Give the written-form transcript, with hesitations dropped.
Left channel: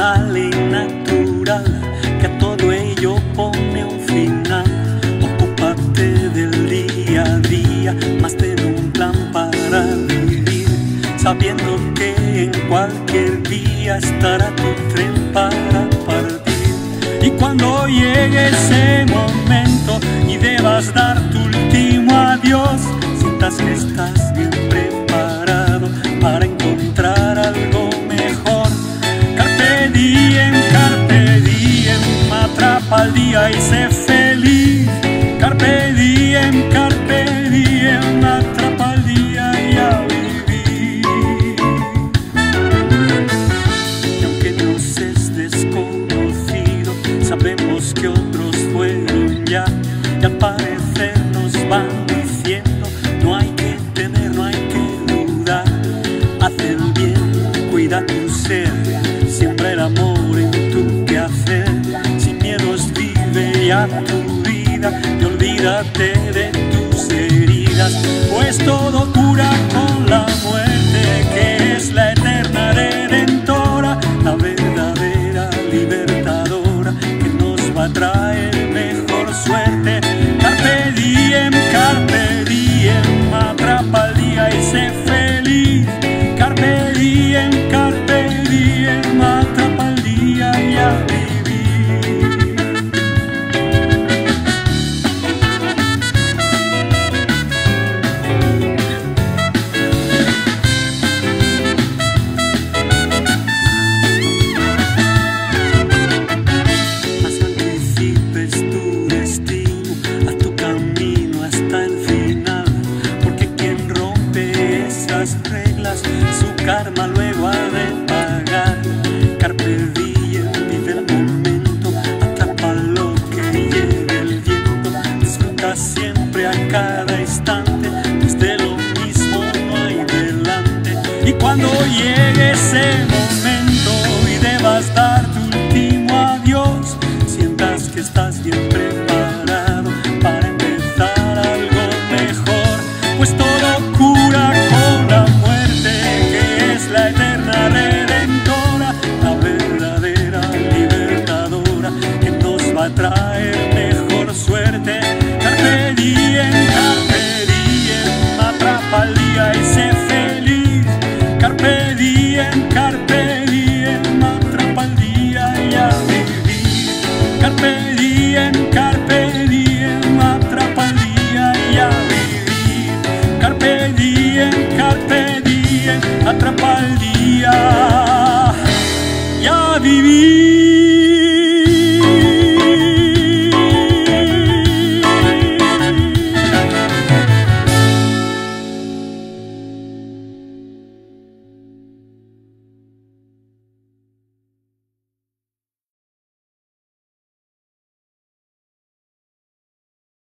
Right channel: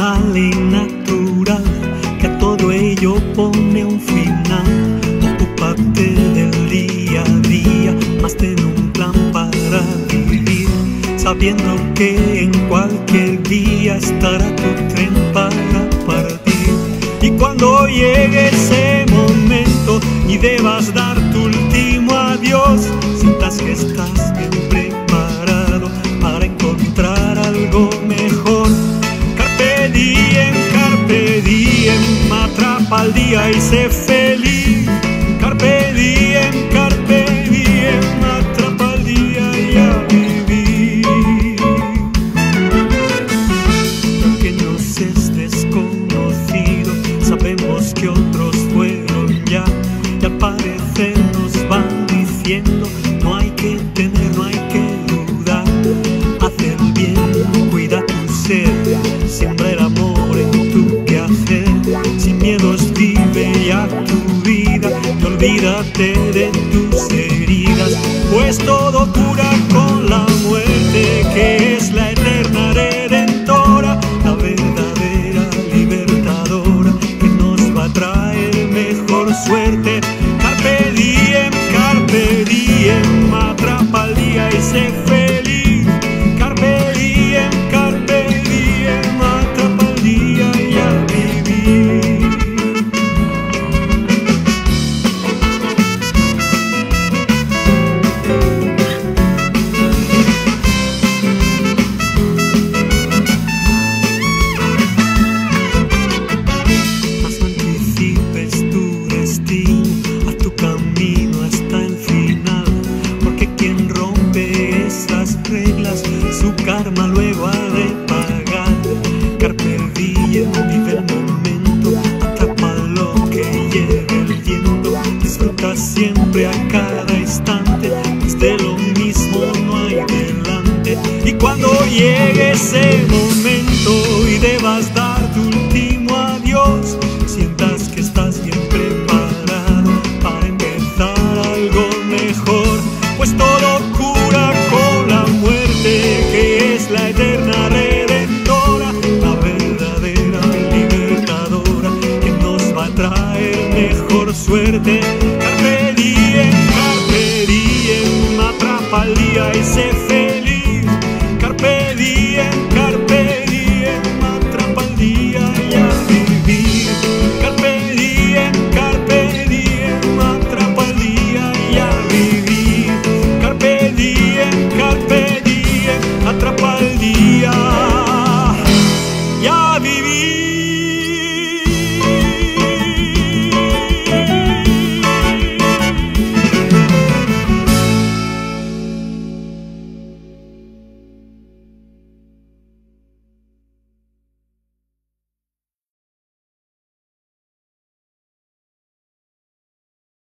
personal y natural, que a todo ello pone un final. Ocúpate del día a día, más ten un plan para vivir, sabiendo que en cualquier día estará tu tren para partir. Y cuando llegue ese momento y debas dar tu último adiós, sientas que estás bien preparado para encontrar algo mejor. Carpe diem, atrapa el día y sé feliz. Carpe diem, atrapa el día y a vivir. Y aunque nos es desconocido, sabemos que otros fueron ya, y al parecer nos van diciendo: no hay que temer, no hay que dudar. Haz el bien, cuida tu ser, siembra el amor en tu quehacer. Sin miedos vive ya tu vida y olvídate de tus heridas, pues todo cura con la muerte, que es la eterna redentora, la verdadera libertadora, que nos va a traer mejor suerte. Carpe diem, atrapa el día y sé feliz. Carpe diem, atrapa el día y a vivir. Mas no anticipes tu destino, haz tu camino hasta el final, porque quien rompe esas reglas, su karma luego ha de pagar. Carpe diem, vive el momento, atrapa lo que lleve el viento, disfruta siempre a cada instante, pues de lo mismo no hay delante. Y cuando llegue ese momento y debas dar tu último adiós, sientas que estás bien preparado para empezar algo mejor, pues todo cura con la muerte, que es la eterna redentora, la verdadera libertadora, que nos va a traer mejor suerte. Carpe diem, atrapa el día y sé feliz. Carpe diem, atrapa el día y a vivir. Carpe diem, atrapa el día y a vivir. Carpe diem, atrapa el